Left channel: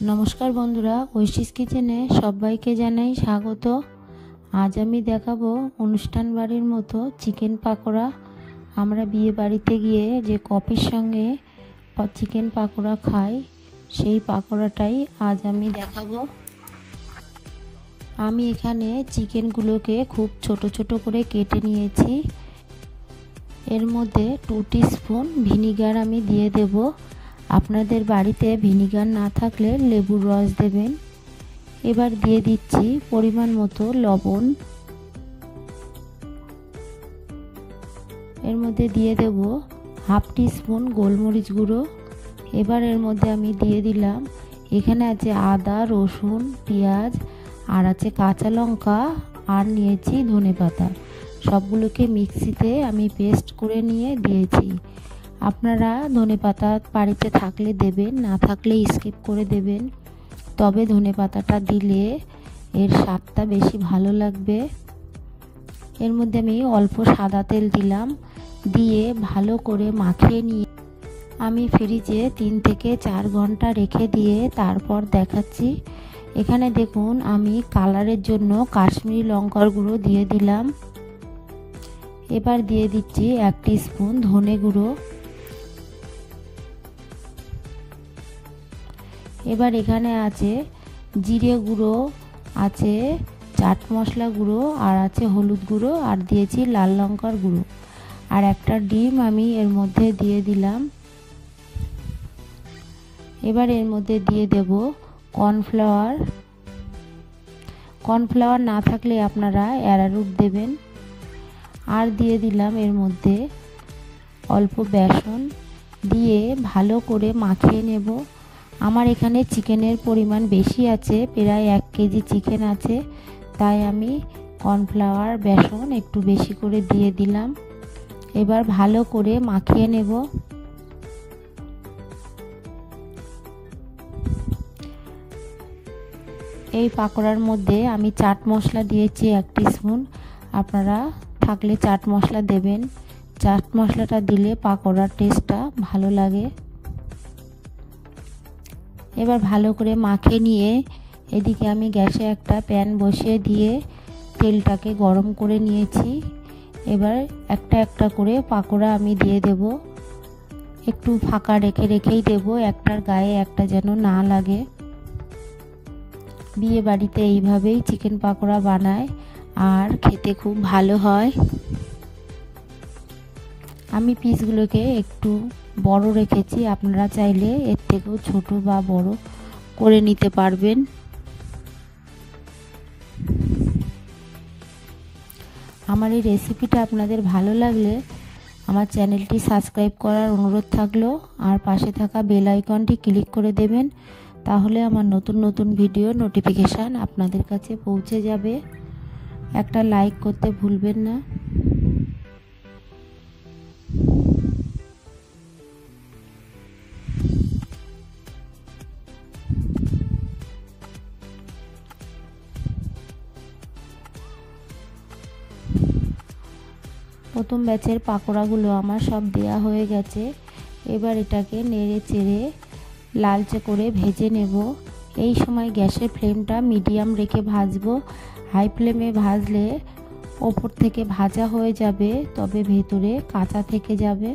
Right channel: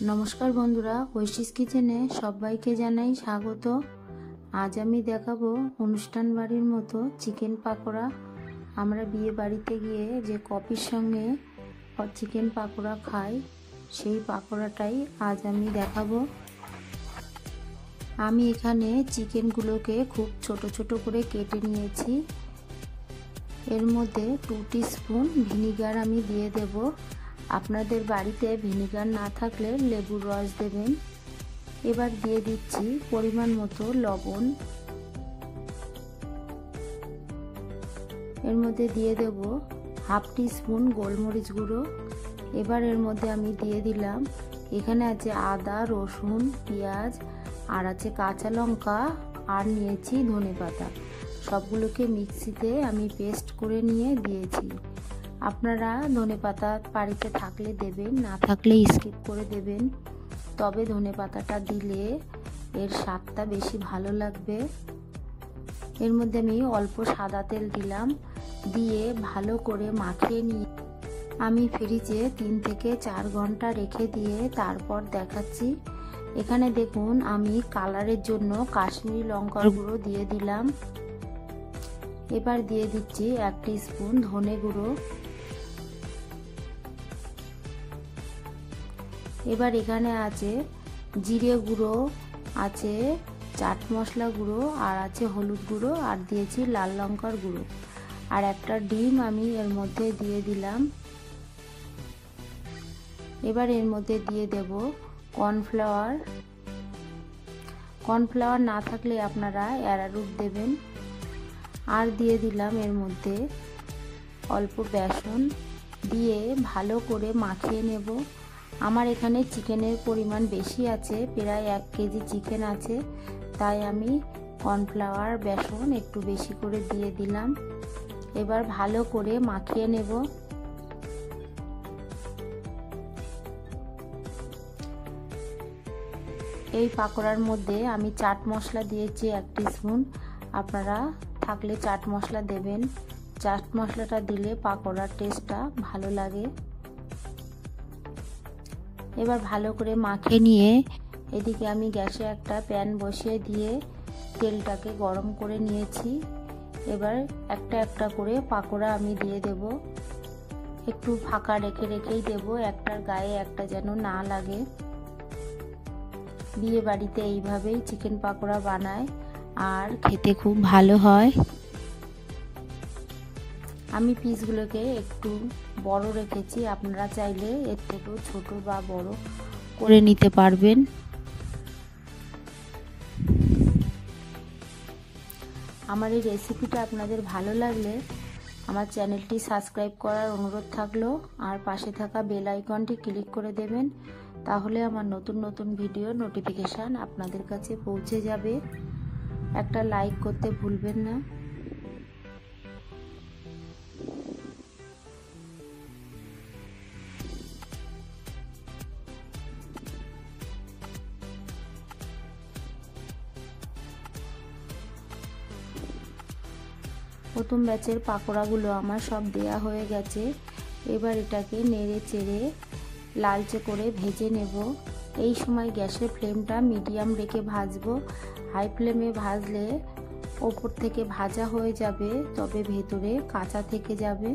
नमस्कार बंधुरा ঐশীস किचेने सबाइके जानाई स्वागत। आज आमी देखाबो अनुष्ठान बाड़ीर मतो चिकेन पाकोड़ा। आमरा बिये बाड़ीते गिये जे कफिर संगे चिकेन पाकोड़ा खाई सेई पाकोड़ाटाई आज आमी देखाबो। आमी एखाने चिकेनगुलोके खूब छोटो छोटो करे केटे नियेछि। एर मध्य 2 टीस्पून ভিনিগার आमी दिए देब। আপনাদের বাড়িতে ভিনিগার না থাকলে লেবুর রস দেবেন। এবার দিয়ে দিচ্ছি পরিমাণ মতো লবণ। এর মধ্যে দিয়ে দেব হাফ টিস্পুন গোলমরিচ গুঁড়ো। এবার এর মধ্যে আমি দিয়ে দিলাম এখানে আছে আদা রসুন পেঁয়াজ আর আছে কাঁচা লঙ্কা আর নিয়েছি ধনেপাতা। সবগুলোকে মিক্সিতে আমি পেস্ট করে নিয়ে দিয়েছি। আপনারা ধনেপাতা বাড়িতে থাকলে দেবেন, না থাকলে স্কিপ করে দেবেন। তবে ধনেপাতাটা দিলে এর স্বাদটা বেশি ভালো লাগবে। এর মধ্যে আমি অল্প সাদা তেল দিলাম, দিয়ে ভালো করে মাখিয়ে নিয়ে আমি ফ্রিজে 3 থেকে 4 ঘন্টা রেখে দিয়ে তারপর দেখাচ্ছি। এখানে দেখুন আমি কালারের জন্য কাশ্মীরি লঙ্কার গুঁড়ো দিয়ে দিলাম। এবার দিয়ে দিচ্ছি 1 টিস্পুন ধনে গুঁড়ো। এবার এখানে আছে জিরে গুঁড়ো, আছে চাট মশলা গুঁড়ো আর আছে হলুদ গুঁড়ো আর দিয়েছি লাল লঙ্কার গুঁড়ো আর একটা ডিম আমি এর মধ্যে দিয়ে দিলাম। এবার এর মধ্যে দিয়ে দেব কর্নফ্লাওয়ার। কর্নফ্লাওয়ার না থাকলে আপনারা অ্যারারুট দেবেন। আর দিয়ে দিলাম এর মধ্যে অল্প বেসন, দিয়ে ভালো করে মাখিয়ে নেব। আমার এখানে চিকেনের পরিমাণ বেশি আছে, প্রায় 1 কেজি চিকেন আছে, তাই আমি কর্নফ্লাওয়ার বেসন একটু বেশি করে দিয়ে দিলাম। এবার ভালো করে মাখিয়ে নেব। এই পাকোড়ার মধ্যে আমি চাট মশলা দিয়েছি 1 টিস্পুন। আপনারা থাকলে চাট মশলা দেবেন। চাট মশলাটা দিলে পাকোড়ার টেস্টটা ভালো লাগে। এবার ভালো করে মাখিয়ে নিয়ে এদিকে আমি গ্যাসে একটা প্যান বসিয়ে দিয়ে তেলটাকে গরম করে নিয়েছি। এবার একটা একটা করে পাকোড়া আমি দিয়ে দেব। একটু ফাঁকা রেখে রেখেই দেব, একটার গায়ে একটা যেন না লাগে। বিয়ে বাড়িতে এইভাবেই চিকেন পাকোড়া বানায় আর খেতে খুব ভালো হয়। আমি পিসগুলোকে একটু বড় রেখেছি, আপনারা চাইলে এর থেকেও ছোট বা বড় করে নিতে পারবেন। আমার এই রেসিপিটা আপনাদের ভালো লাগলে আমার চ্যানেলটি সাবস্ক্রাইব করার অনুরোধ থাকলো আর পাশে থাকা বেল আইকনটি ক্লিক করে দেবেন, তাহলে আমার নতুন নতুন ভিডিও নোটিফিকেশান আপনাদের কাছে পৌঁছে যাবে। একটা লাইক করতে ভুলবেন না। প্রথম ব্যাচের পাকোড়াগুলো আমার সব দেয়া হয়ে গেছে। এবার এটাকে নেড়ে চেড়ে লালচে করে ভেজে নেব। এই সময় গ্যাসের ফ্লেমটা মিডিয়াম রেখে ভাজবো। হাই ফ্লেমে ভাজলে ওপর থেকে ভাজা হয়ে যাবে, তবে ভেতরে কাঁচা থেকে যাবে।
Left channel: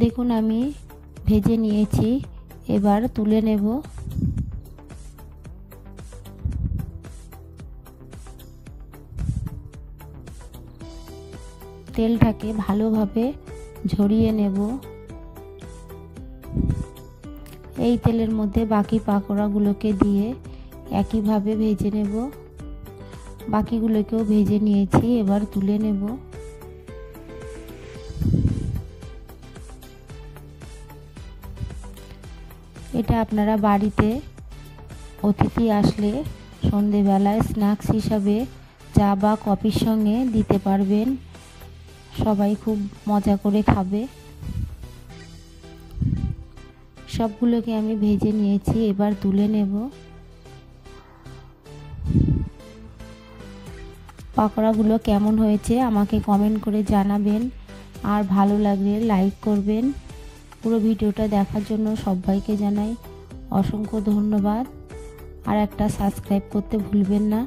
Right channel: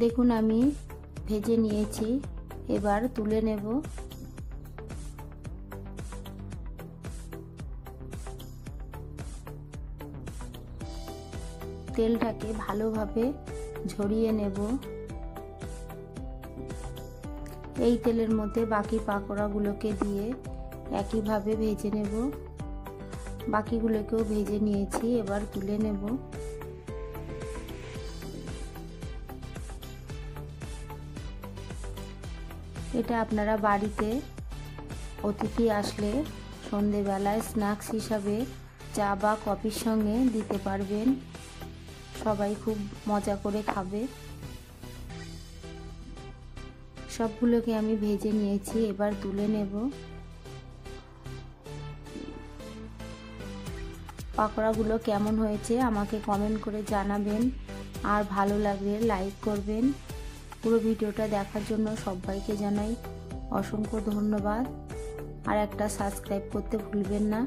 দেখুন আমি ভেজে নিয়েছি, এবার তুলে নেব। তেলটাকে ভালোভাবে ঝরিয়ে নেব। এই তেলের মধ্যে বাকি পাকোড়াগুলোকে দিয়ে একইভাবে ভেজে নেব। বাকিগুলোকেও ভেজে নিয়েছি, এবার তুলে নেব। এটা আপনারা বাড়িতে অতিথি আসলে সন্ধেবেলায় স্ন্যাক্স হিসাবে চা বা কফির সঙ্গে দিতে পারবেন। সবাই খুব মজা করে খাবে। সবগুলোকে আমি ভেজে নিয়েছি, এবার তুলে নেব। পাকোড়াগুলো কেমন হয়েছে আমাকে কমেন্ট করে জানাবেন, আর ভালো লাগলে লাইক করবেন। পুরো ভিডিওটা দেখার জন্য সবাইকে জানাই অসংখ্য ধন্যবাদ, আর একটা সাবস্ক্রাইব করতে ভুলবেন না।